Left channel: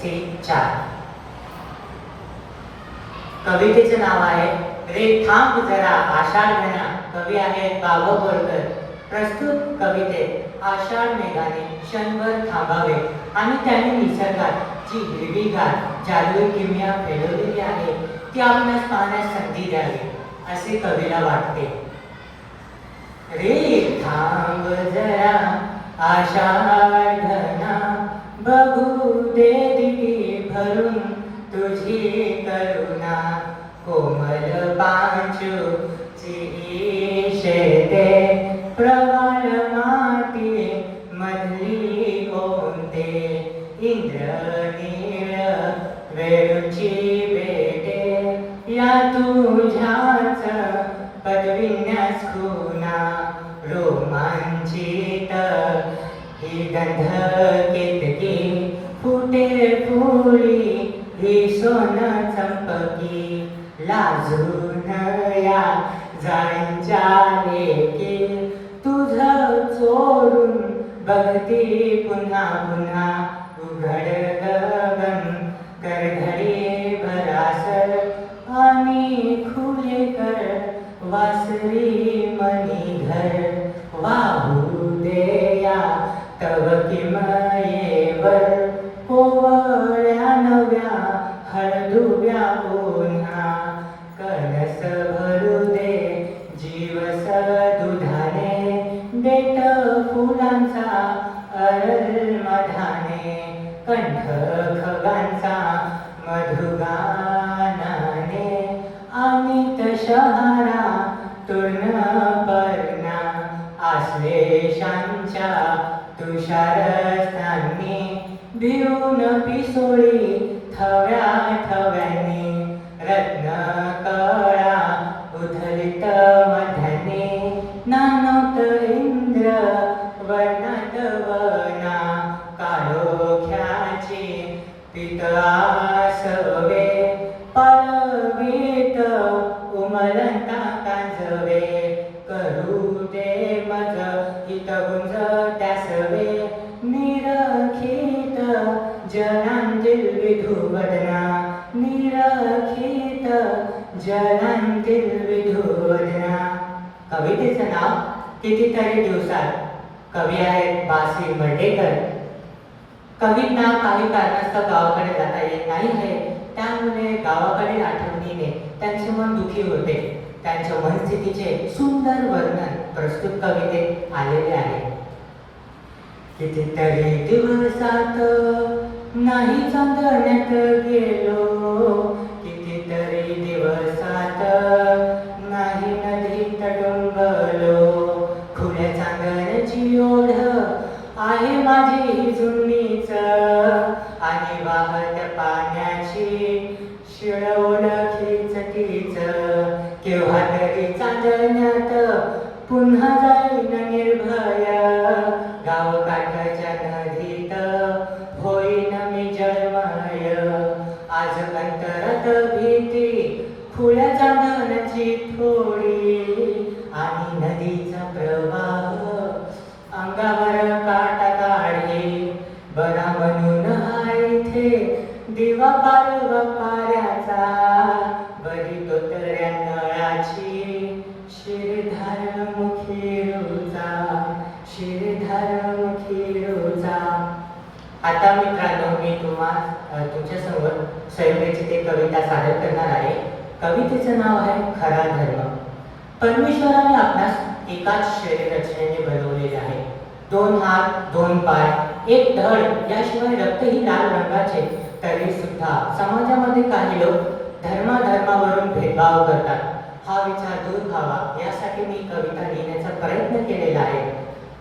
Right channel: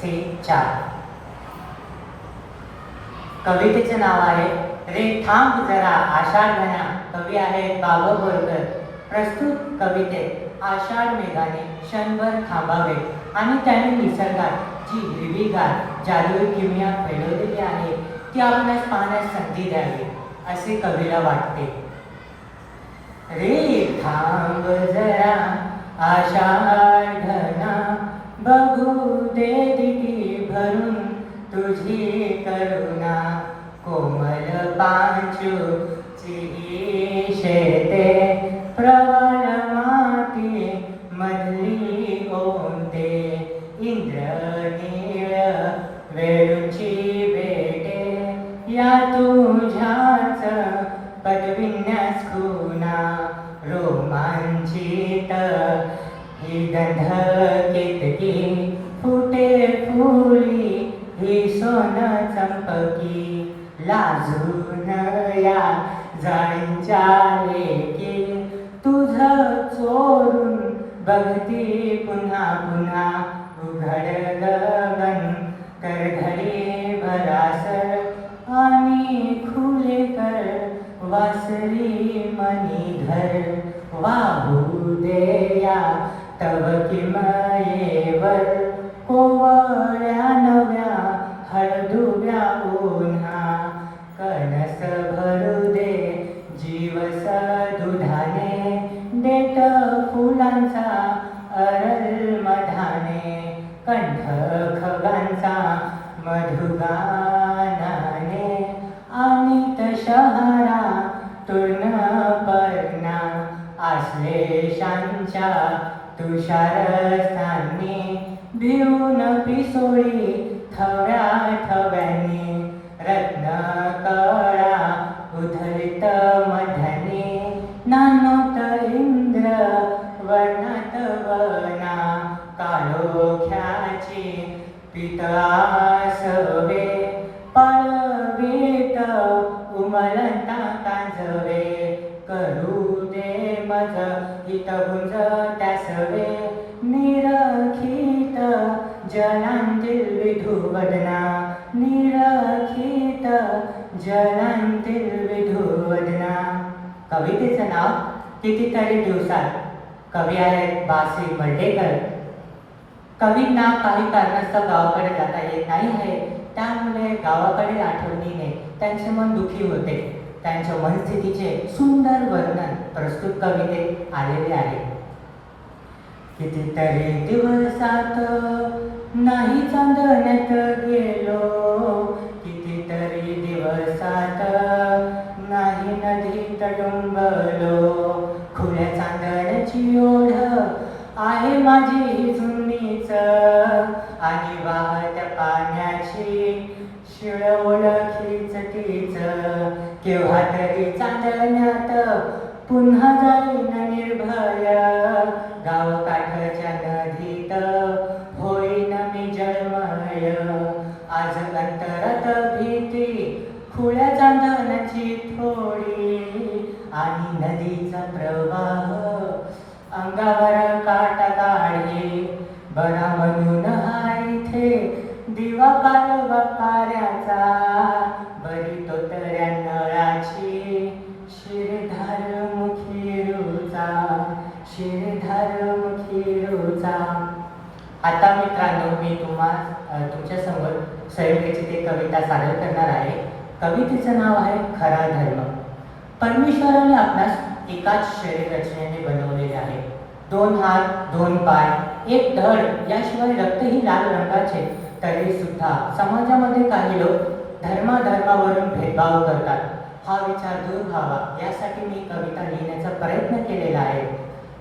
C चार. कवितेचे नाव आहे रे थांब जरा आषाढ घना कवी आहे बाबा बोरकर प्रस्तुत कवितेत आषाढ मेघाने क्षणभर थांबावे. आणि त्याने निसर्गात जी हिरवीगार जादू किमिया फैलवलेली आहे ती आपणास पाहण्यास संधी द्यावी असे कवीला वाटते. रे थांब जरा आषाढ इंद्रनीळ वेळूची बेटे या तुझ्याच पदविन्यास खुना रोमांचित ही गंध केतकी फुटे फुली ही सोन चंपकी लाजून या जांच्या लेकी. तुझ चोरून बघती पुन्हा पुन्हा उघड तर करधडी भरासर आणि खुले कर वासरी मणिधर वाहू देया तव किमयेवर कोवळ्या नव्या हळदुव्या ओन्हा। कणस भरू दे जीवस दुधाने देत फुलांचा अरल मधाने कंठ खगांचा मधुगानाने अमित शहरा तुर्ण पर्णा आश्लेषांच्या तुषारस्थानी भिवून पिसोळी थव्या थव्याने माझे पिता सवे पळवीत उमलता कांजवे करू दे मज हित गुंज त्यासवे. निरखित जनांतील विधुवदना निरखित जनांतील विधुवदना कवितेचं नाव कितीतरी दिवसात कवी आहेत बासी मर्डेकर कवींना काही कारणास्तव गावाकडे जाता येत नाही आहे त्यामुळे गावाकडील आठवणीने त्यांचे मन दुखी होते. त्यांच्या मनस्थितीचे सुंदर वर्णन प्रस्तुत कवितेत आलेले आहे. कितीतरी दिवसात नाही चांदण्यात गेलो. कितीतरी दिवसात नाही नदी डोंगलो खुल्या चांदण्याची ओढ आहे माझी. शिळ ओळखीच तीच केव्हा तरी चांदण्यात पुन्हा जाईन निर्भय. गावकाठच्या नदीत होईन मी जळमय आज अंतरात भीती खुळ्या चांदण्याची थोडी. आणि नदीचा प्रवाह अंगावर काटा काढे बरा म्हणून दिवा पारवा बरी तो तऱ्या नळाची शिरधार मुखी रुचा शिरधार आता मित्रांनो मी तुम्हा अ, तुमच्यासमोर सयोगीची ते कविता सादर करणार आहे. कवितेचं नाव आहे खरा धर्म. परमेश्वराने आपणास एकाच शरीर रचनेने बनवलेले आहे. दोन हात दोन पाय एक धड याशिवाय रक्तही लाल रंगाचे. तरी सुद्धा समाजामध्ये काही लोक धर्माधर्मावरून भेदभाव करतात. हा विचार दूर व्हावा यासाठी मी कविता लिहिण्याचा प्रयत्न केलेला आहे.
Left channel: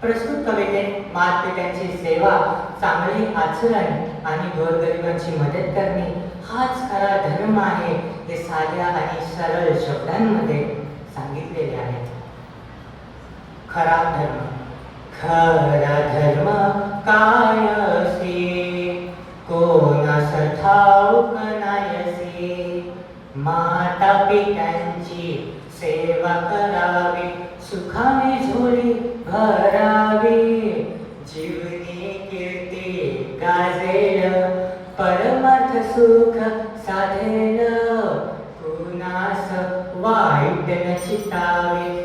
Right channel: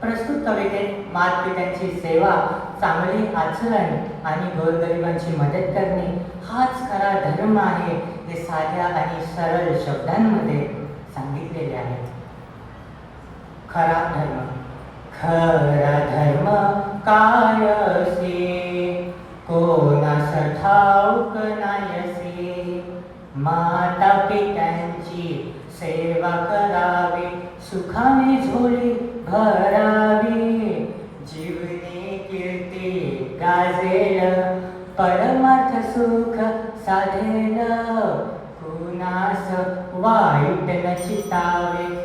प्रस्तुत कवितेत मातपित्यांची सेवा चांगली आचरण आणि गोरगरिबांची मदत करणे हाच खरा धर्म आहे हे साध्या आणि सरळ शब्दांमध्ये सांगितलेले आहे. खरा धर्म खरा धर्म काय असे कोणास ठाऊक नायसे माता पित्यांची सेवा करावी सुखाने झोळी भरावी. जीवनी कीर्ती गाजेल परम सुख साधेल. कुणास वाईट न चितावे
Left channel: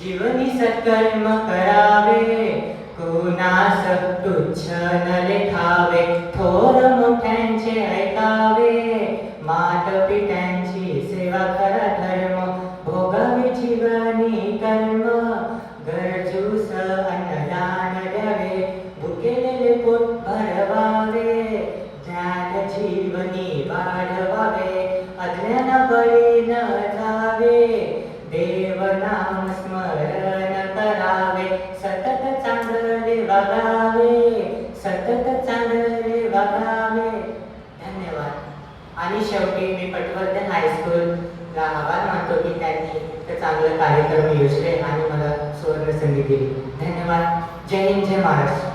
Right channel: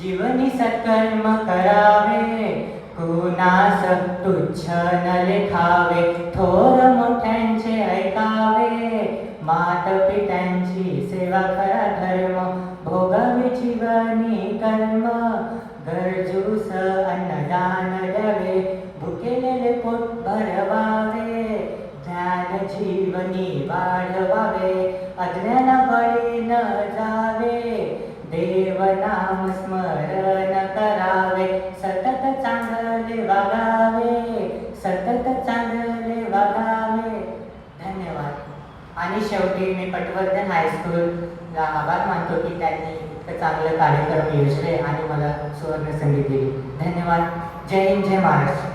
जीवनी सत्कर्म करावे તું ના સકતું છ ન લેખાવે થોર મોઠેન છે आणि शेवटी मी पटवर्धन हायस्कूलला आभार मानतो की त्यांनी चांगलं कार्यक्रम योजले आणि मला सुवर्ण दिली. धन्यवाद. जय हिंद जय महाराष्ट्र.